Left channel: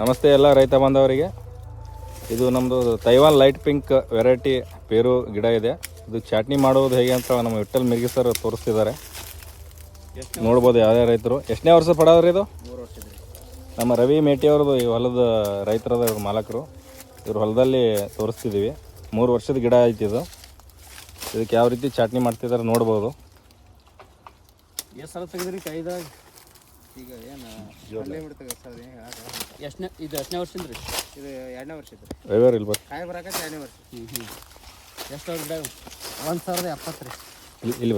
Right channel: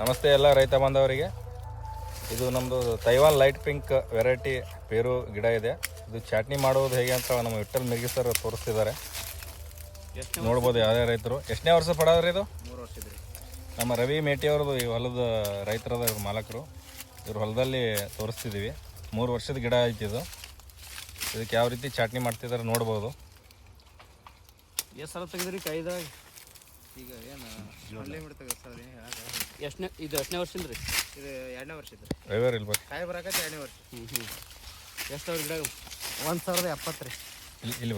ನಮಸ್ತೆ ಎಲ್ಲ ರೈತ ಬಾಂಧವರಿಗೆ ಇದು ನಮ್ಮದು ತೈವಾನ್ ಲೈಟ್ ಪಿಂಕ್ ವೆರೈಟಿ ಪೇರು ಗಿಡ ಇದೆ. ಇದು ಚಾಟ್ನಿ ಮಾಡುವುದು ಹೇಗೆ ಅಂತ ನಮ್ಮ ವಿಠಲ್ ಮಿರ್ಗಿ ಸರ್ ತೋರಿಸ್ತಿದ್ದಾರೆ. ನೋಡ್ಬೋದು ಯಾವುದೇ ರೈತರು. ಎಷ್ಟನೇ ವರ್ಷ ಪಡೋದ್ರಿ ಇದು? ನಮ್ಮ ರವಿ ಮೇಟಿ ಅವ್ರದ್ದು ಈ ಹೊಲದ ರೈತರದ ಮಾಲಕರು. ಇವ್ರ ಹೊಲದಲ್ಲಿ ತೋರಿಸ್ತಿದ್ದೀವಿ. ಮೂರು ವರ್ಷದ ಗಿಡ ಐತಿ ಇದು. ಇದಕ್ಕೆ ಯಾವ ರೀತಿ ಚಾಟ್ನಿ ಮಾಡ್ತಿದ್ದಾರೆ ನೋಡ್ಬೋದು. ಎಷ್ಟು ಸಲ ತೆಗೆದ್ರಿ ಕೈದಾಗ? ಈಗ ಏನು ಅಲ್ಲೇ ಬಿಡ್ತೇವೆ ಸರ್ ಎಷ್ಟನೇ ಇದು ಎಷ್ಟನೇ ವರ್ಷ ರೀ ಇದು ಎರಡನೇ ವರ್ಷ ಇದ್ರಿ. ಡ್ರೈವರ್ ಇಲ್ಲಿ ಬರ್ರಿ ಕಾಯಿ ಬರಾಕತ್ತೆ ಎರಡನೇ ವರ್ಷ. ಹ್ಞೂ ಹ್ಞೂ ಎಷ್ಟು ವರ್ಷ ಗಿಡ ಒಂದು ಸಾವಿರದ ಎಪ್ಪತ್ತು ರೀ. ಇಲ್ಲಿ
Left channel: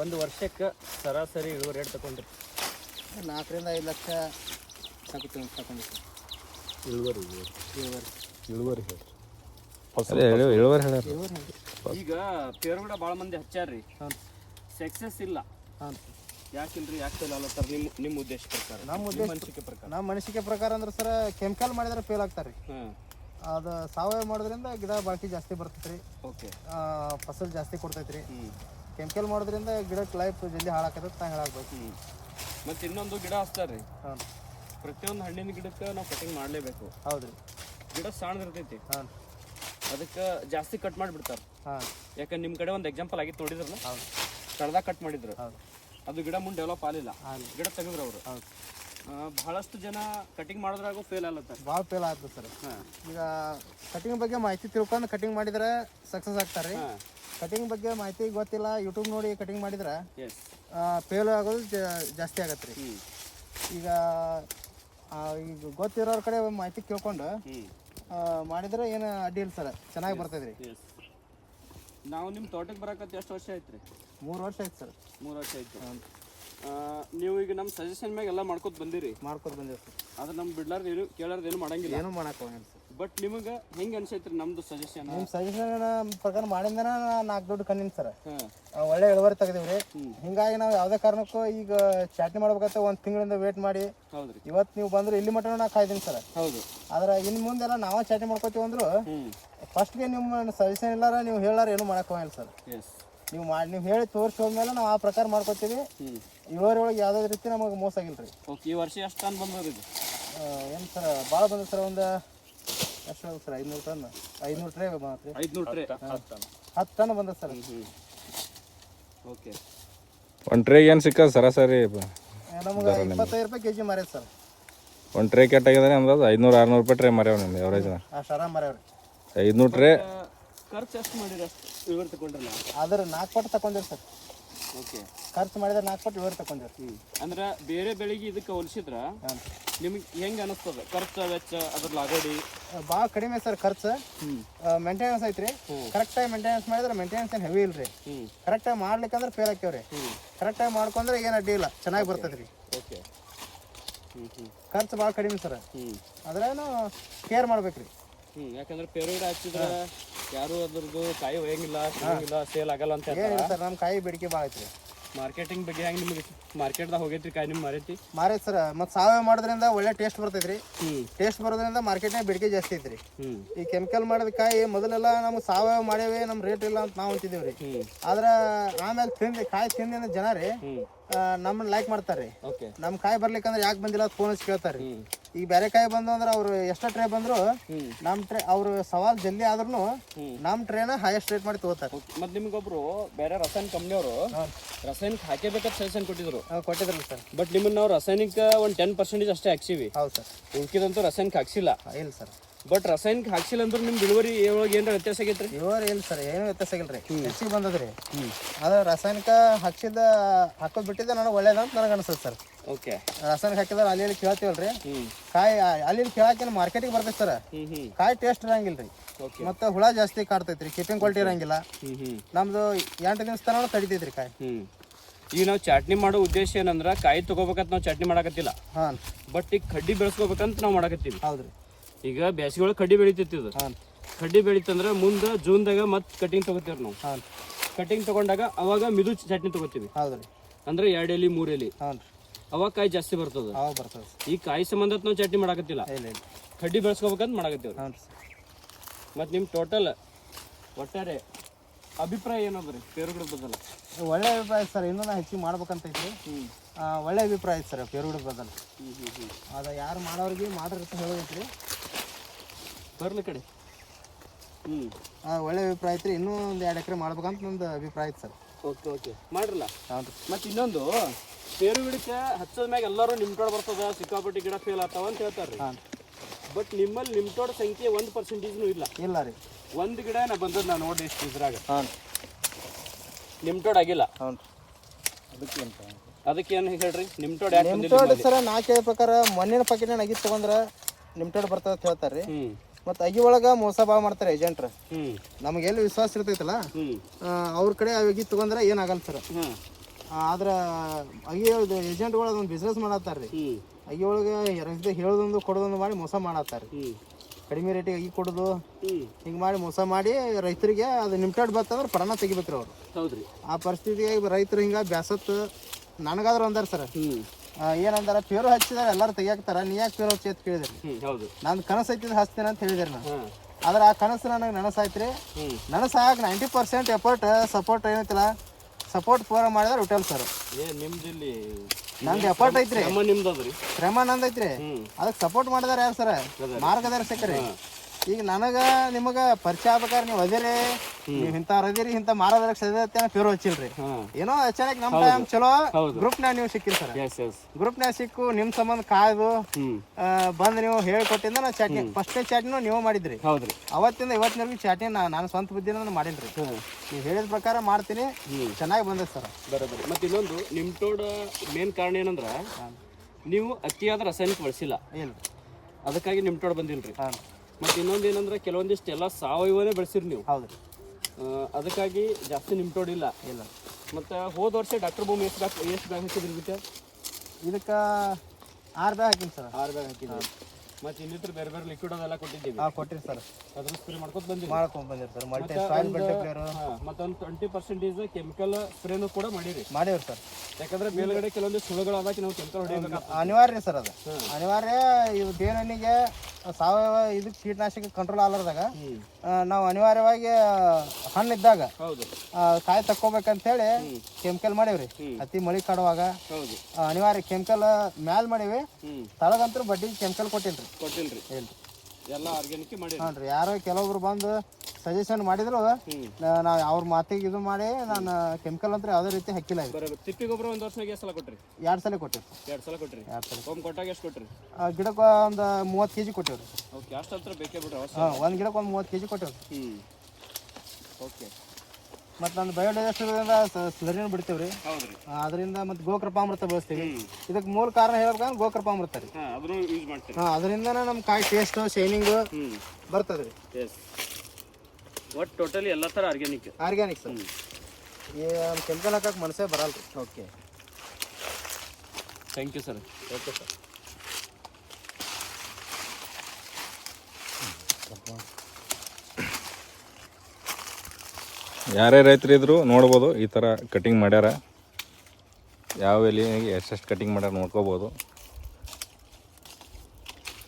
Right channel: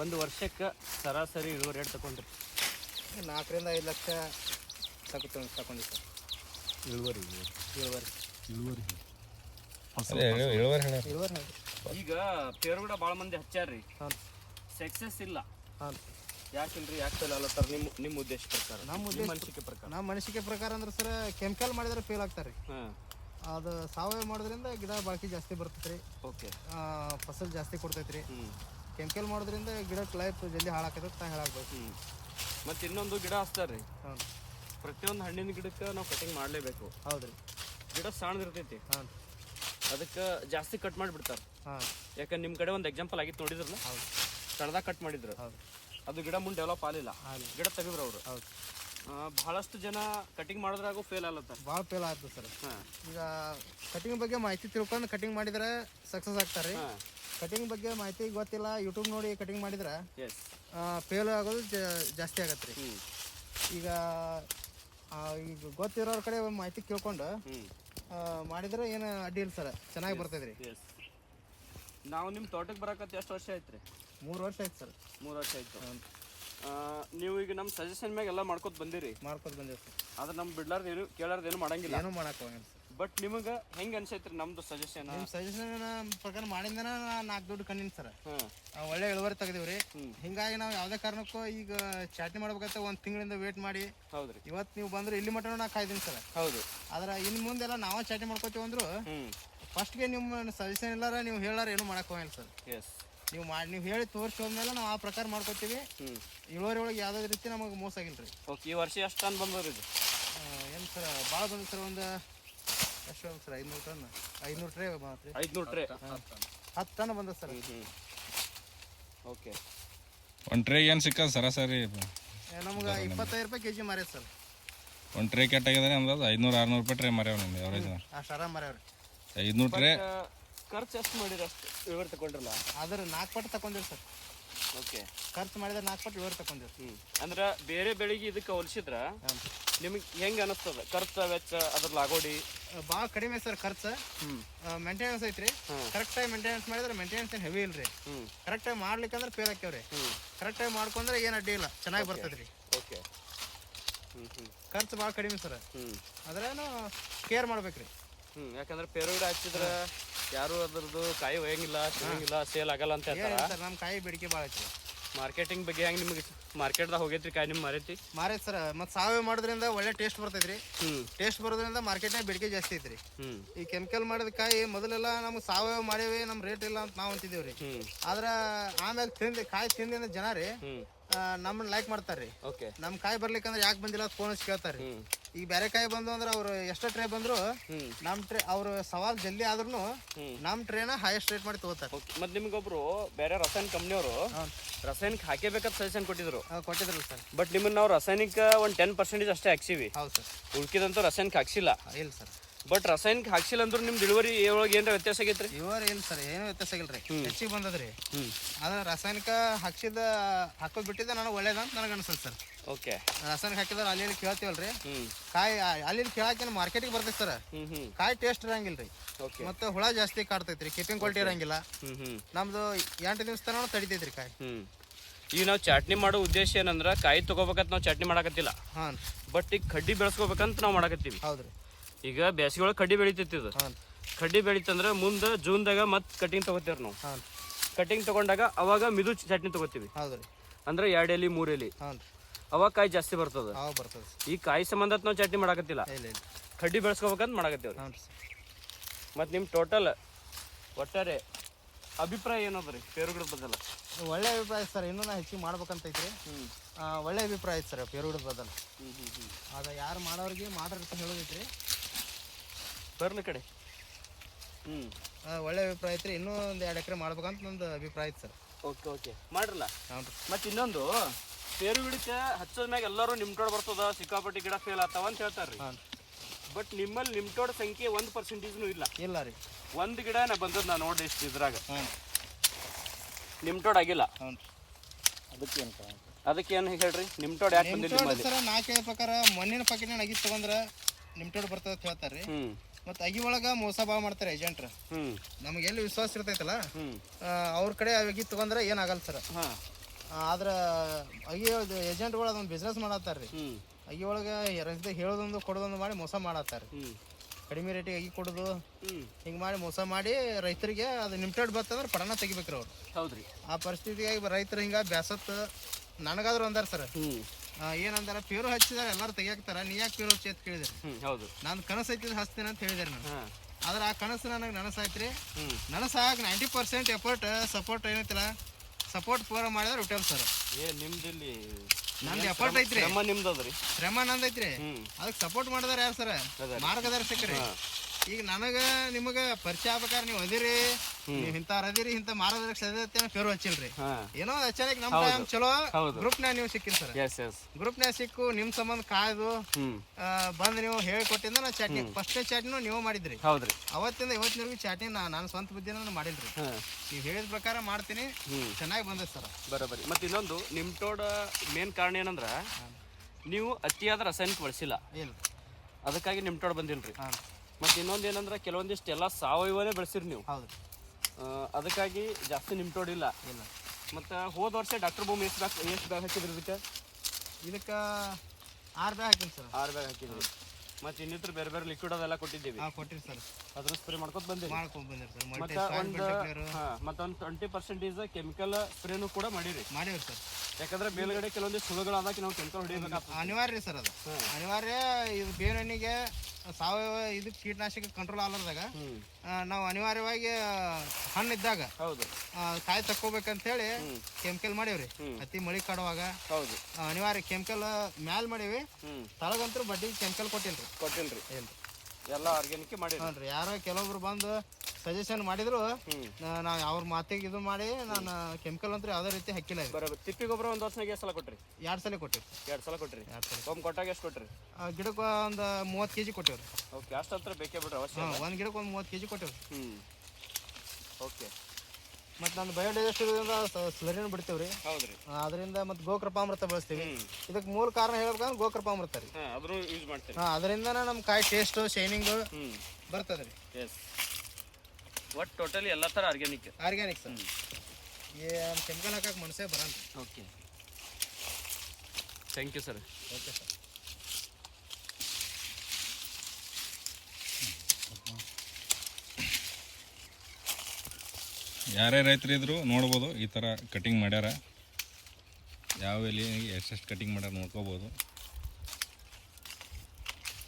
ಒಂದು ವರ್ಷಕ್ಕೆ ಸರಾಸರಿ ಇಳುವರಿ ರೇಟ್ ತಗೊಂಡ್ರಿ ನಾಲ್ಕರಿಂದ ಐದು ಲಕ್ಷ ತಗೊಂಡು ತಗೊಂಡು ಇಳುವರಿ ಇಳುವರಿ. ಇಳುವರಿ ಹೇಳಿ. ಇಳುವರಿ ಹೇಳ್ಯಾರ ಇಳುವರಿ ಈಗ ಪೇರುಗಿಡ ಭಾಳ ಮಂದಿ ಹಚ್ಚಾರ್ರಿ ಹಾಂ ಸಕ್ಸಸ್ ಇಲ್ಲ. ಹಾಂ ಯಾಕಿಲ್ರಿ? ಯಾಕೆ ಫೇಲ್ ಅಲ್ಲತ್ತಾರ ನಿಮ್ಮ ನಿಮ್ಮ ಉದ್ದೇಶ ಪ್ರಕಾರ. ನಮ್ಮ ಉದ್ದೇಶ ಅನಿಸಿಕೆ ಪ್ರಕಾರ. ನಮ್ಮ ಮನಸ್ಸಿಗೆ ಪ್ರಕಾರ ಅಂದ್ರೆ ಸರ್ ಕೆಮಿಕಲ್ ಮಾಡಿದ್ರೆ ಫೇಲ್ ಆಗ್ತಾರೆ ಅದು ಸಾವಯವ ಮಾಡೋದ್ರಿಂದ ಗಿಡ ಬಾಳ್ಕೆ ಜಾಸ್ತಿ ಬರ್ತೈತ್ರಿ. ರೀ ಓಕೆ ಫಸಲ್ ಜಾಸ್ತಿ ಕೊಡ್ತೈತ್ರಿ. ಕೆಮಿಕಲ್ ಮಾಡೋದ್ರಿಂದ ಗಿಡಕ್ಕೆ ಲೈಫ್ ಜಲ್ದಿ ಹಾಳಾಕತ್ತೆ ನಾ ಹೇಳಾಕ್ಬೇಕು ಮತ್ತೆ ಮತ್ತು ಇನ್ನೊಂದು ಗಿಡ ಹಚ್ತಾರ್ರಿ. ಹಾಂ. ಪ್ರತಿಯೊಂದು ಹಣ್ಣಿನ ಗಿಡಕ್ಕೆ ನಾವು ಕಟಿಂಗ್ ಮಾಡಲೇಬೇಕು. ಹೌದ್ರಿ. ಗಿಡ ಸಣ್ಣದಿರ್ತೈತಿ ಹಾಂ. ಅದಕ್ಕೆ ಜಾಸ್ತಿ ಕಟ್ ಮಾಡಿಬಿಡ್ತಾರೆ. ಹಾಂ. ಯಾಕಂದ್ರೆ ನಿಮ್ಮ ಕಡೆ ಒಂದು ಎಕ್ಸಾಂಪಲ್ ಆಗಿತ್ತು ನೋಡಿದ್ರಲ್ಲ ಹೌದು. ಕಟ್ ಮಾಡಿದ್ರು. ಹೌದು. ಅದು ಗಿಡ ಮುಂದೆ ಡೆವಲಪ್ ಆಗಲಿಲ್ಲ ಆಗಲಿ ಗಿಡ ತೆಗೆದ್ರು ಅವರು. ಹೌದು. ಬಹಳಷ್ಟು ಜನ ಕಟಿಂಗ್ ಮಾಡೋದ್ರಾಗೂ ಫೇಲ್ ಅಲ್ಲತ್ತಾರೆ ಭಾಳ ಫೇಲ್ ಆಗ್ತದೆ ಸರ್. ಈಗ ಕಟಿಂಗ್ ಬಗ್ಗೆ ಮಾಹಿತಿ ತಿಳ್ಕೊಂಡು ಕಟಿಂಗ್ ಮಾಡಿದ್ರೆ ಸಕ್ಸಸ್ ಆಗ್ತಾರೆ ಕಟಿಂಗ್ ಬಗ್ಗೆ ಮಾಹಿತಿ ಗೊತ್ತಿಲ್ಲ ಯೂಟ್ಯೂಬ್ ನೋಡಿ ಕಟಿಂಗ್ ಮಾಡಿದ್ರೆ ಫೇಲ್ ಆಗೋದು ಜಾಸ್ತಿ ಆಗತ್ತೆ ರೀ. ಈಗ ಈಗ ಗೊತ್ತಿರೋರ ಕಡೆ ಮಾಹಿತಿ ಕೇಳ್ಕೊಂಡು ಮಾಡಿದ್ರೆ ಏನು ಅಡ್ಡಿ ಇಲ್ಲ ಸರ್. ಚೆನ್ನಾಗಿ ಬರ್ತೈತೆ ರೀ. ಎಸ್ ನಾವು ನಿಮ್ಮ ತೋಟಕ್ಕೆ ಬರಕತ್ತೆ ಎಷ್ಟು ವರ್ಷ ಆಯ್ತು ರೀ ಮೂರು ವರ್ಷ ಆಯ್ತು ಸರ್. ಮೂರು ವರ್ಷ ಆಯ್ತು. ಆ, ನೀವು ಈಗ ನಮ್ಮ ಸಜೆಷನ್ ಮ್ಯಾಗ ಎಲ್ಲ ಮಾಡ್ಕೊತ ಬಂದಿರಿ? ಮಾಡ್ಕೊತ ಬಂದೇವೆ ಸರ್. ಆದ್ರೆ ನಮ್ಮ ಬಿಡ್ಲಾರ್ದು ಏನು ಕೇಳಾರ್ದು ಏನು ಮಾಡಂಗಿಲ್ಲ. ಏನೂ ಮಾಡಕ್ಕೆ ಸರ್. ಬಟ್ ನಿಮಗೆ ಹೆಂಗೆ ಅನ್ಸೈತ್ರಿ ನಮ್ದು ಸಜೆಷನ್ ನಿಮ್ಮ ಸಜೆಷನ್ ಪ್ರಕಾರ ಮಾಡಿಂದನ ನಾಲ್ಕು ದುಡ್ಡು ಕಣ್ಣಿನ ಸರ್. ಹಾಂ ಆ, ಒಳ್ಳೆ ಇಳುವರಿ ತೆಗೆದಿವ್ರಿ. ರೀ ಹಿಂಗಾಗಿ ನಾವು ಯಾವುದೇ ಕಾರಣಕ್ಕೂ ಈಗ ಚಾಟ್ನಿ ಮಾಡ್ಬೇಕಂತ ಒಂದು ತಿಂಗಳಿಂದ ವೇಟ್ ಮಾಡಿ. ಹೌದ್ರಿ. ಇವತ್ತು ನೀವು ಬಂದ್ರೆ ಇಲ್ಲಿ ಮಟ್ಟ ನಾ ಕಾಯ್ದೀನಿ ಸರ್. ಹೌದು. ಆದ್ರೆ ಇನ್ನು ಮುಂದೆಲ್ಲ ನಾವೇ ಚಾಟ್ನಿ ಮಾಡ್ಕೋತೀವಿ ಅಂದ್ರು ಹ್ಞೂ ಫಸ್ಟ್ಗೆ ನಿಮ್ಮ ಸಜೆಷನ್ ಇಲ್ಲಾರ ನೀವು ಹೇಳಾರ ಏನು ಮಾಡಕ್ಕೆ ಹೋಗಿಲ್ಲ ಸರ್ ಎಸ್ ನೀವು ಮಾಡಿ ನೀವು ಹೇಳಿ ತೋರಿಸಿ ಹೋದ್ಮೇಲೆ ನಾವು ಆ ಪ್ರಕಾರ ಮಾಡ್ಕೋತೀವಿ. ಇಳುವರಿ ಒಳಗೆ ಯಾವುದೇ ರೀತಿ ನಮಗೆ ಮೋಸ ಆಗಿಲ್ಲ ರೀ ಓಕೆ ಈ ವರ್ಷ ಎಷ್ಟು ಟನ್ ಬಂದ್ರಿ ಏನು ಸರ್ ಭಾಳ ಬಂದ ಸರ್ ಒಂದು ಎಷ್ಟು ಬಂದ ಸರ್ ಐದುನೂರು ಟನ್? ಐದುನೂರು ಟ್ರೇ ಬಂದ್ರಿ ಐದುನೂರು ಟ್ರೇ ಹತ್ತು ಟನ್. ಬಂದ ಸರ್ ಹ್ಞೂ ಓಕೆ ಒಂದು ಟ್ರೇಗೆ ಏನು ಸಿಕ್ಕ ಸರಾಸರಿ ನಮ್ಗೆ ಇಪ್ಪತ್ತೈದು ರೂಪಾಯಿ ಕೆ ಜಿ ಮಾರ್ಯಾದ ಸರ್ ಒಂದು ಟ್ರೇ ಕೆಟ್ಟಾಗಿದ್ದಾರೆ ಅಂದಾಜು ಐದುನೂರು ಆರುನೂರು ರೂಪಾಯಿ ಟ್ರೇ ಮಾರ್ಯಾವ ನಿಮ್ದು ಎವರೇಜ್ ಅಷ್ಟು ಆರಾಮ್ ಮಾರ್ಯಾವ್ರಿ. ಐದುನೂರು ಟ್ರೇ ಖರ್ಚು ಎಷ್ಟು ಮಾಡಿರಿ ಅಷ್ಟು ವಿವರ ತಗೊಂಡ್ರಲ್ಲ? ಆದ್ರೆ ನಾಲ್ಕು ಪಟ್ಟು ತಗೊಂಡಿರಿ ಸರ್. ಓಕೆ. ಖರ್ಚು ಮಾಡಿದ್ರೆ ನಾಲ್ಕು ಪಟ್ಟು ವಿವರ ತಗೊಂಡಿರಿ ಹ್ಞೂ ಅಂದ್ರೆ ಬೇರೆ ಬೆಳೆಗೆ ಇದಕ್ಕೆ ಹೋಲಿಸಿದ್ರ ನಿಮಗೆ ಹೆಂಗೆ ಅನಿಸ್ತದೆ? ಖರ್ಚು ವೆಚ್ಚ ಅದ್ರ ಲಾಗೋಡಿ? ಭಾಳ ಕಡಿಮೆ ಸರ್ ಖರ್ಚು. ಹ್ಞೂ ಮೇಂಟೆನೆನ್ಸ್ ಐತ್ರಿ. ಕರೆಕ್ಟಾಗಿ ಮೇಂಟೆನೆನ್ಸ್ ಮಾಡಿದ್ರೆ ಮೇಂಟೆನೆನ್ಸ್ ಏನು ಹೆವಿ ಇಲ್ರಿ. ಕರೆಕ್ಟಾಗಿ ಮಾಡ್ಲಿಕ್ಕಂದ್ರೆ ಫೇಲ್ ಆಕ್ಯವ್ರಿ ಕರೆಕ್ಟಾಗಿ ಮಾಡ್ಕೊಂಡ್ರೆ ಏನು ಅಡ್ಡಿ ಇಲ್ಲ. ಚೆನ್ನಾಗಿ ಬರ್ತೈತೆ ರೀ ಓಕೆ. ಹ್ಞೂ ಹ್ಞೂ ಖರ್ಚು ಭಾಳ ಕಡಿಮೆ ಸರ್. ಹ್ಞೂ ಅದ್ರೇನು ಕೇರ್ ಮಾಡ್ಬೇಕ್ರಿ. ಹ್ಞೂ ಯಾಕಂದ್ರೆ ಪೇರುಗಿಡ ಹಚ್ಚಿದ್ರೆ ಯಾರು ಅದ್ರದ್ದು ಕಾಯಿ ಒಯ್ಯಂಗಿಲ್ಲ ಸಿಗಂಗಿಲ್ಲ ಸೇಲ್ ಆಗಲ್ಲ ಅಂತ ಹೇಳ್ತಾರೆ. ಸರ್ ನಮ್ಮ ಕಾಯಿ ಬೇಡಿಕೆ ಭಾಳ ಐತ್ರಿ. ಮಾರ್ಕೆಟಿಂಗ್ ಬಗ್ಗೆ ಹೆಂಗೆ ನಿಮಗೆ ಮಾರ್ಕೆಟ್ದಾಗ ಹೋಗೈತ್ರಿ ಕಾಯಿ ನಿಮ್ಮ ಮಾರೈತಿ? ಮಾರೈ ಸರ್ ಮತ್ತು ಸಾವಯವ ಮಾಡೋದ್ರಿಂದ ಒಳ್ಳೆ ಟೇಸ್ಟ್ ಬರ್ತೈತ್ರಿ. ಹ್ಞೂ ಟೇಸ್ಟ್ ಬರೋದ್ರಿಂದ ಮಾರ್ಕೆಟ್ನಾಗ ಬೇಡಿಕೆ ಜಾಸ್ತಿ ಐತ್ರಿ. ಈ ಕೆಮಿಕಲ್ ಮಾಡಿದ ಕಾಯಿ ಮೊದಲೆಲ್ಲ ನಮ್ಗೆ ಸಾವಯವ ಮಾಡೇವಿ ನಮ್ಮ ರೇಟ್ ಇಲ್ಲ ಅಂತ ನಾವು ಅಂತಿದ್ದೇವೆ ರೀ ಆದ್ರೆ ಆಮೇಲೆ ತಿಂದು ಕಾಯಿ ತಿಂದಿಂದ ಜನ ರೀ ನಮ್ಮನ್ನ ಲೈಕ್ ಮಾಡ್ತಾರೆ. ಓಕೆ ನಮ್ಮ ಕಾಯಿ ಬರ್ಲಿಕ್ಕಂದ್ರೆ ಯಾಕೆ ಬಂದಿಲ್ಲ ಅಂತ ಫೋನ್ ಹಚ್ಚಿ ಕೇಳ್ತಾರೆ. ಈಗ ಬೇರೆ ಕಾಯಿ ಬಂದು ಅಂದ್ರೆ ಅವ್ರು ಎಷ್ಟೋ ಟ್ರೇ ಬಂದ್ರು ನಮ್ಮ ಟ್ರೇ ಅವ್ರು ಸವಾಲ್ ಜಲ್ದಿ ಆದ್ರೂ ನಮ್ಮ ಟ್ರೇನ ಹೈಯೆಸ್ಟ್ ರೇಟ್ ಮಾಡಿ ತಗೋತಾರೆ. ಮತ್ತೆ ನಿಮಗೊಬ್ರು ಬೇರೆ ರಸಾಯನ ಕಂಪ್ನಿಯವರು ರಸಾಯನಕ್ಕೆ ರಾಸಾಯನಿಕ ಹಾಕೇಬೇಕಂತ ಸಜೆಷನ್ ಕೊಟ್ಟಿದ್ರು ಕೊಟ್ಟಿದ್ರು ಸರ್ ಬಟ್ ನಿಮ್ಮನ್ನ ನಾವು ರಾಸಾಯನಿಕ ಒಂದು ಟೆನ್ ಪರ್ಸೆಂಟೇಜ್ ಅಷ್ಟೇ ಹಾಕ್ಸಿವಿ. ಹೌದು ಸರ್ ಉಳ್ಕಿದಂತೂ ರಾಸಾಯನಿಕ ಹಾಕ್ಸಿಲ್ಲ. ಇಲ್ಲ ಸರ್ ಬಟ್ ರಸಾಯನಿಕ ಹಾಕ್ಸಿಲ್ಲ ಅಂದ್ರೆ ನಿಮ್ದು ಇಳುವರಿ ಒಳಗೆ ಏನಾರ ವ್ಯತ್ಯಾಸ ಆಗೈತ್ರಿ? ಇಳುವರಿ ಇಲ್ಲ ಸರ್ ಏನು ವ್ಯತ್ಯಾಸ ಆಗಿಲ್ಲ ರೀ ಹೆಚ್ಚಿಗೆ ಬಂದದ್ರಿ. ಆದ್ರೆ ರಾಸಾಯನಿಕ ಹಾಕ್ಸಿದ ಹಾಕೋದ್ ಬಿಟ್ಟಿದ್ದೆ ನನಗೆ ಒಳ್ಳೇದಂತ ನನಗೆ ಅನಿಸ್ತದೆ ಸರ್ ಓಕೆ ರಾಸಾಯನಿಕ ಹಾಕಿದ್ರೆ ಅಲ್ಲಿ ಇಲ್ಲಿ ಕೇಳ್ತೀವಲ್ರಿ? ಕಾಯಿ ಅಲ್ಲಿ ಕೇಳಾಕೇನು ಮಾರ್ಕೆಟಿಗೆ ಬರ್ತೈತೆ ಸರ್ ಕಾಯಿ ಟೇಸ್ಟ್ ಇರಂಗಿಲ್ಲ ರೀ ಓಕೆ ಮತ್ತು ಹುಳ ಜಾಸ್ತಿ ಕಾಡ್ತೈತ್ರಿ ಕೀಪಿಂಗ್ ಕ್ವಾಲಿಟಿ ಇರಂಗಿಲ್ಲ. ನಮ್ದು ಎಂಟು ದಿವಸ ತನಕ ತಡಿತೈತ್ರಿ ಕಾಯಿ. ಈಗ ನಾವು ಚಟ್ನಿ ಮಾಡೋ ಉದ್ದೇಶ ಏನಂದ್ರೆ ಕಾಯಿ ತಗೋಬೇಕಂತ ನಾವು ಚಟ್ನಿ ಮಾಡಕತ್ತಿಲ್ಲ. ಹಾಂ ಬಟ್ ಈಗ ಕಡ್ಡಿ ಬೆಳೆಸ್ಕೋಬೇಕಂತ ನಾವು ಮಾಡಕತ್ತೀವಿ. ಹೌದ್ರಿ. ಈಗ ಬೇಸಿಗೆ ಒಳಗೆ ಕಡ್ಡಿ ಬೆಳಿತೈತಿ ಇದು. ಹಾಂ ಕಡ್ಡಿ ಬೆಳಿತಂದ್ರೆ ಮುಂದೆ ಜೂನ್ದಾಗ ಮತ್ ಕಟಿಂಗ್ ತಗೋತೀವಿ ನಾವು. ಹಾಂ ಕಟಿಂಗ್ ತಗೊಂಡಾಗ ಅವಾಗ ಮಿದು ಚಟ್ನಿ ತಗೋತೀವಿ. ಅಂದ್ರೆ ಎರಡು ಎಲಿ ಮೂರು ಎಲಿ ಹಾಂ ಅವಾಗ ಕಾಯಿ ಜಾಸ್ತಿ ಬರ್ತದ. ಅವಾಗ ಬರ್ತದೆ. ಈ ಕಾಯಿ ಸಂಬಂಧ ನಾವು ಚಟ್ನಿ ಮಾಡಕತ್ತಿಲ್ಲ. ಇಲ್ಲ ಇಲ್ಲ. ಕಡ್ಡಿ ಬೆಳೆಸ್ಕೋಬೇಕಂತ ಮಾಡಕತ್ತೀವಿ ಹಾಂ ರೀ. ಮತ್ತು ನಿಮ್ಮ ಟೋಟಲ್ ಒಟ್ಟಾರೆ ಅಭಿಪ್ರಾಯ ಏನದ್ರಿ ಪೇರುಗಳ ಬದಲ? ಒಳ್ಳೆ ಅಭಿಪ್ರಾಯ ಸರ್ ಇನ್ನೂ ನಾ ಹೆಚ್ಚಿಗೆ ಮಾಡ್ಬೇಕಂತ ಐತ್ರಿ ಒಳ್ಳೆ ಅಭಿಪ್ರಾಯ ಐತೆ ಸರ್ ಪೇರುಗಳ ಬದಲು. ಅದ ಯಾರು ಮಾಡೋರಿಗೆ ಮಾಡ್ರಿ ಅಂತ ಹೇಳೋದೈತ್ರಿ ಬರ್ಲಿ ಕಡೆ. ಹ್ಞೂ ಒಳ್ಳೆ ಅಭಿಪ್ರಾಯ ಐತ್ರಿ ಇನ್ನೂ ಒಂದು ಎರಡು ಎಕರೆ ಮಾಡ್ಬೇಕಂತ ನಂದು ಅಭಿಪ್ರಾಯ ಐತೆ ಸರ್. Okay okay. ಮಾಡ್ರಲ್ಲ? ಹೌದು. ಮತ್ತೆ ಇನ್ನೊಂದು ಪೇರು ಗಿಡಕ್ಕೆ ಹಚ್ಚದ ಮ್ಯಾಗ ಎಲ್ಲರೂ ನಿಮ್ಟೋಡ್ ಬರ್ತದ ಸಿಕ್ಕಾಪಟ್ಟಿ ಗಿಡ ಫೇಲ್ ಆಗ್ತಾವ ಅಂತ ಹೇಳ್ತಾರ್ರಿ. ಹಾಂ. ಬಟ್ ನಿಮ್ಮಲ್ಲಿ ಲಿಮಿಟೆಡ್ ಸಂಖ್ಯೆ ಒಂದು ಪರ್ಸೆಂಟೇಜ್ನು ಇಲ್ಲ. ಇಲ್ಲ ರೀ. ಒಂದು ಗಿಡ ನಾ ಬಂದದ್ ನಾ ನೋಡಿ ಇಷ್ಟು ಇದ್ರಾಗ. ಹಾಂ ನಿಮ್ಟೋಡ್ ಆಗಿಲ್ಲ. ಹ್ಞೂ ಅದಕ್ಕೆ ಏನು ಹೇಳ್ರಿ? ನಿಮ್ಟೋಡ್ ಯಾಕೆ ನಿಮ್ಟೋಡ್? ಸರ ನಾ ಕೇಳೋ ಪ್ರಕಾರ ಮಣ್ಣಿನ ಪಾಕಿಟ್ನ ಅಗಿ ತೊಗೊಂಡ್ರೆ ನಿಮ್ಟೋಡ್ ಬರ್ತದೆ ಅಂತ ಹೇಳ್ತಾರೆ ರೀ. ಮತ್ತು ಅಗಿ ಒಳಗೆ ಮೋಸ ಭಾಳ ಮಾಡ್ತಾರೆ ಏಜೆಂಟ್ರು ಹ್ಮ್. ನಮಗೆ ಎಲ್ಲಿ ವಿಶ್ವಾಸ ಇರ್ತೈತಲ್ಲ? ಅವ್ರ ಕಡೆ ಅಗಿ ತೊಗೊಂಡ್ರೆ ಏನಾಗಲ್ಲ ಸರ್. ಹ್ಮ್. ಆದ್ರೆ ಅಗಿ ಏಜೆಂಟ್ಗಳು ಅದೊಂದು ಬಿಸ್ನೆಸ್ ಮಾಡತ್ತಾರ್ರಿ ಹ್ಮ್. ಅಗಿ ಒಳಗೆ ರೈತ ಹೇಳೋದೊಂದು ಕೊಡೋದೊಂದು ಮಾಡಿ ಮೋಸ ಮಾಡತ್ತಾರ ಕಡಿಮೆ ರೇಟಿಗೆ ಅಗಿ ಕೊಡೋದು ಹಿಂಗೆ ಮಾಡಿ ಮೋಸ ಮಾಡಿ ರೈತರಿಗೆ ಅದು ನಿಮ್ಟಾಡ್ ಬತ್ತಂದ್ರೆ ಪ್ರಾಣ ತೆಗಿಬೇಕ್ರಿ ಅವರು. ಹೌದ್ರಿ. ಆ ಪರಿಸ್ಥಿತಿಗೆ ರೈತರು ಹಿಂಗೆ ಬ್ಯಾಸತ್ತು ನನಗಾದ್ರು ಅಂದಾರ ಸರ್. ಏನಂದಾರ ಪೇರು ಹಚ್ಚಿದಾಗ ಎಲ್ಲರೂ ತೆಗಿಯಾಕ್ತಾರ ನೀ ಯಾಕೆ ಪೇರು ಹಚ್ಚಿ ಅಂತ ಕೇಳಿದ್ರಿ? ನಾನು ಕನಸು ಐತಿದ್ರೆ ಹಚ್ತೇನೆ ಅಂತ ಹೇಳಿದ್ರಿ ನಾನು. ಆದ್ರೆ ಆ ಕನಸು ನನಗೆ ನನಸಾಯ್ತ್ರಿ. ನನಸಾಗ ನೈಂಟಿ ಪರ್ಸೆಂಟ್ ಎಫರ್ಟ್ ಸಪೋರ್ಟ್ ಏನೈತಿಲ್ಲ ಸಪೋರ್ಟ್ ಪೂರ ಮಾಡಿದ್ರೆ ಉಟಲ್ ಸರ್. ನಿಮ್ದಿಲ್ಲಿ ನಂದು ಎಫರ್ಟ್ ಐತ್ರಿ. ನಮ್ಮ ನಿಮ್ದದ್ರಿ. ಶ್ರಮ ನಂದು ಐತ್ರಿ. ಅದಕ್ಕೆ ಸಪೋರ್ಟ್ ಮಾಡಿದಾರ ಯಾರು ಸರ್? ಮಾರ್ಗದರ್ಶಕರಿ. ಈಗ ನನಗೆ ನಿಮಗೆ ಪರಿಚಯ ಆಗ್ಬೇಕಾದ್ರೆ ನೀವು ಅದಿರಿ. ನೀವು ಅರದಿರಿ ಇಂತ ಮಾರ್ಗದರ್ಶಕ ಸದಸ್ಯ ಪೇರು ಹಚ್ಚಿಲ್ರಿ ಏನೋ ಅಚಾನಕ್ ನಮ್ ಟೈಮ್ ಚಲೋ ಗ್ರೂಪ್ ನ್ಯಾಗ ನೀವು ಸಿಕ್ಕಿರಿ ಸರ್. ಎಸ್ ನ್ಯಾಗ ಸಿಕ್ಕು ನಿಮ್ ಸಂಬಂಧ ಕಾಯ್ದು ಬಂದ್ ನೀವು ಹೇಳ್ಕೊಟ್ಟಿಂದ ನಾ ಚಾಟ್ನಿ ಫಸ್ಟ್ ಚಾಟ್ನು ನೀವು ಮಾಡಿದ್ರಿ. ಹೌದ್ರಿ. ಅವತ್ತಿಂದ ಇವತ್ತಿನವರೆಗೂ ಚಾಟ್ನಿ ನಾನು ಸ್ವಂತ ಬುದ್ಧಿನ ಮಾಡಿಲ್ರಿ. ಹಾ. ನೀವು ಹೇಳಿದ ಪ್ರಕಾರ ಮಾಡ್ತೀನಿ. ಚೆನ್ನಾಗಿ ಬಂದ ಸರ್. ಬರೋಬರಿ ಮತ್ತೆ ಇನ್ನೊಂದು ನಿಮ್ಟೋಡ ಮೇನ್ ಕಾರಣ ಏನಂದ್ರ ನೀವು ಅತಿಯಾದ ರಾಸಾಯನಿಕ ಬಳಸಿಲ್ಲ. ಇಲ್ಲ. ಅದಕ್ಕಾಗಿ ತೋಡ ಬಂದಿಲ್ರಿ. ಹಾಂ. ಮತ್ತೆ ಇನ್ನೊಂದು ಏನಂದ್ರೆ ಕೆಲವೊಂದಿಷ್ಟು ಎಲ್ಲ ಸಾವಯವನೇ ಬೆಳೆಸಿರಿ ನೀವು. ಹೌದು ರೀ ಆ, ಅದಕ್ಕಾಗಿ ಜಾಸ್ತಿ ನಿಮ್ಟೋಡ್ ಇಲ್ಲ. ಮತ್ತು ಮತ್ತೆ ಹೋದ ವರ್ಷ ಡಾಕ್ಟರ್ ಭೂಮಿ ಎಷ್ಟು ಬ್ಯಾಗ್ ಎಷ್ಟು ಬ್ಯಾಗ್ ಹಾಕಿದ್ರಿ ಬಿಟ್ಟೆ ಇದಕ್ಕೆ ಆರು ಬ್ಯಾಗ್ ಹಾಕಿನಿ ಸರ್. ಆರು ಬ್ಯಾಗ್ ಹಾಕಿದ್ವಿ ಮತ್ತು ಇನ್ನಿತರ ಬೇರೆ ಬೇರೆ ಲಿಕ್ವಿಡ್ ಅದೆಲ್ಲ ಕೊಟ್ಟಿದ್ದೀವಿ. ಹಾಂ ಕೊಟ್ಟಿರಿ ಸರ್. ಅದ್ರ ಸ್ಪ್ರೇ ಮಾಡ್ಕೊತ ಬಂದಿರಿ. ಮಾಡ್ಕೊಂಡ್ ಬಂದಿರಿ ಸರ್ ಮಲ್ಟಿ ಸಾಯಿಲ್ ಮಲ್ಟಿಪ್ಲೇಯರು ಮತ್ತೆ ಒಂದು ಟ್ವೆಂಟಿ ಪರ್ಸೆಂಟೇಜ್ ಕೆಮಿಕಲ್ ಸ್ಪ್ರೇನು ಕೂಡ ಮಾಡಿರಿ. ಮಾಡೀವ್ರಿ ಸರ್. ಯಾಕಂದ್ರೆ ಮೇಲ್ಗಡೆ ಕೆಲವೊಂದಿಷ್ಟು ಸುಳಗಳು ಅದಕ್ಕೆ ನಾವು ಕೆಮಿಕಲ್ ಹೊಡಿಬೇಕು ಅನಿವಾರ್ಯ ಸರ್ ಅದು. ಅನಿವಾರ್ಯ ಇದು ಬೇವಿನೆಣ್ಣಿಗೆ ಸಾವಯವ ಇದು ಕೀಟನಾಶಕ ಕಂಟ್ರೋಲ್ ಆಗಲಾರ್ದಾಗ ನಾವು ಅನಿವಾರ್ಯವಾಗಿ ಹಣ್ಣಿದ್ದಾಗ ಕಾಯಿ ತಕ್ಕೋಬೇಕಂತ ಹೇಳಿ ಕೆಮಿಕಲ್ ಮಾಡೇವ್ರಿ. ಅತಿ ಮಳಿ ಕಾಡುವಾಗ. ಅನಿವಾರ್ಯ ಕೆಮಿಕಲ್ ಮ್ಯಾಲ್ ಮಾಡಿವಿ. ತಳಗಂತೂ ಬಡ್ಡಿ ಕೆಮಿಕಲ್ ಕೊಟ್ಟಿಲ್ರಿ. ಕೊಟ್ಟಿಲ್ರಿ. ಇಲ್ರಿ. ಎಲ್ಲ ಆರ್ಗ್ಯಾನಿಕ್ ಮಾಡಿ ಹ್ಞೂ ರೀ ಯಾರೋ ಕೆಲವೊಬ್ರು ಬಂದು ಸಜೆಷನ್ ಮಾಡಿದ್ರು. ನಾವು ಅವ್ರ ಮಾತಿಗೆ ಇದು ಮಾಡಿ ನಾನು ಕೆಮಿಕಲ್ ಅಂತ ಯಾವುದೇ ರೀತಿ ಹಾಕಿಲ್ಲ ಇದು ತಿಪ್ಪಿ ಗೊಬ್ಬರ ಒಂದು ವರ್ಷನಾಗ ಎಷ್ಟು ಸಲ ಕೊಟ್ರಿ? ಎರಡು ಸಲ ಕೊಟ್ಟಿವಿ. ಎರಡು ಸಲ ಕೊಟ್ರಿ? ಎರಡು ಸಲ. ಒಮ್ಮೆ ಕೊಟ್ಟಾಗ ಎಷ್ಟು ಕೊಟ್ರಿ? ಆ, ಗಿಡಕ್ಕೆ ಒಂದು ಮೂವತ್ತು ಕೆ ಜಿ ಕೊಟ್ಟಿವ್ರಿ. ಓಕೆ ಅಷ್ಟು ಹತ್ರ ಬೇಕೇ ಬಿಡ್ರಿ ಅವಶ್ಯ ಹಾಂ ಒಂದು ಗಿಡಕ್ಕೆ ಒಂದು ಮೂವತ್ತು ಕೆ ಜಿ ಕೊಟ್ಟಿವ್ರಿ. ಹ್ಞೂ ಓಕೆ. ಮತ್ತು ನಾನು ಬಯೋಡೈವರ್ಸಿಟಿಯಿಂದ ಸ್ಲರಿನ ಬಿಡ್ತೀವಿ ರೀ ಹೌದ್ರಿ ಅದರಿಂದ ಮತ್ತು ಗೋಕೃಪಾಮೃತ ಬೆಳೆಸ್ತೀವಿ. ಇದಕ್ಕೆ ಮೂಲ ಕಾರಣ ಹೇಳ್ಬೇಕಂದ್ರೆ ಗೋಕೃಪಾಮೃತ ರೀ. ಹಾ ಅದರಿಂದ ಯೂಸ್ ಮಾಡ್ತೀರಿ. ಹಾಂ ಅದರಿಂದನೇ ನಮ್ಮ ಕಾಯಿ ಟೇಸ್ಟು ಶೈನಿಂಗ್ ಹ್ಮ್. ಬರ್ತದೆ ರೀ ಎಸ್ ಒಟ್ಟು ಟೋಟಲಿ ಎಲ್ಲ ಥರ ಆರ್ಗ್ಯಾನಿಕ್ ಆರ್ಗ್ಯಾನಿಕ್ ಸರ್ ಈ ಕೆಮಿಕಲ್ ಹಾಕಕ್ಕೆ ಮನಸ್ಸೇ ಬರಲ್ಲ ರೀ okay thank you sir okay sir ಯಾರೇ ರೈತರು ಇದ್ರು ನೋಡ್ಬೋದು ಈ ಥರ ಕಟಿಂಗ್ ಮಾಡ್ಯಾರ. ಯಾವ ಎಲ್ಲಿ ಎಷ್ಟೆಷ್ಟು ಕಟಿಂಗ್ ಮಾಡ್ಯಾರ ನೋಡ್ಕೋಬೋದು.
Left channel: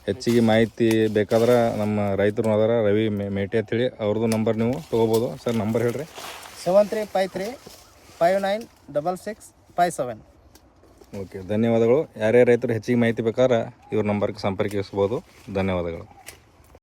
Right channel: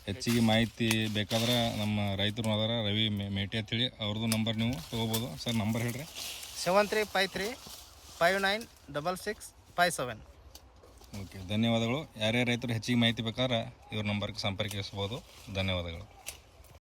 ಹೆಚ್ಚಿಗೆ ಮಾಹಿತಿ ಬೇಕಾದ್ರೆ ನಮ್ಮ ರೈತರು ಅದಾರ ರವಿ ಮೇ- ಮೇಟಿ ಅಂತೇಳಿ. ಅವ್ರದ್ದು ನಂಬರ್ ನೀವು ತೊಗೋಬೋದು. ಸರ್ ನಂಬರ್ ಹೇಳ್ರಿ. Seven three five three five nine double six five seven okay ಧನ್ಯವಾದಗಳು. ಯಾರೇ ರೈತರು ಹೆಚ್ಚಿಗೆ ಮಾಹಿತಿ ಬೇಕಾದ್ರೆ ಇವ್ರ ನಂಬರ್ಗೆ ಸಂಪರ್ಕಿಸ್ಬೋದು. ಧನ್ಯವಾದಗಳು.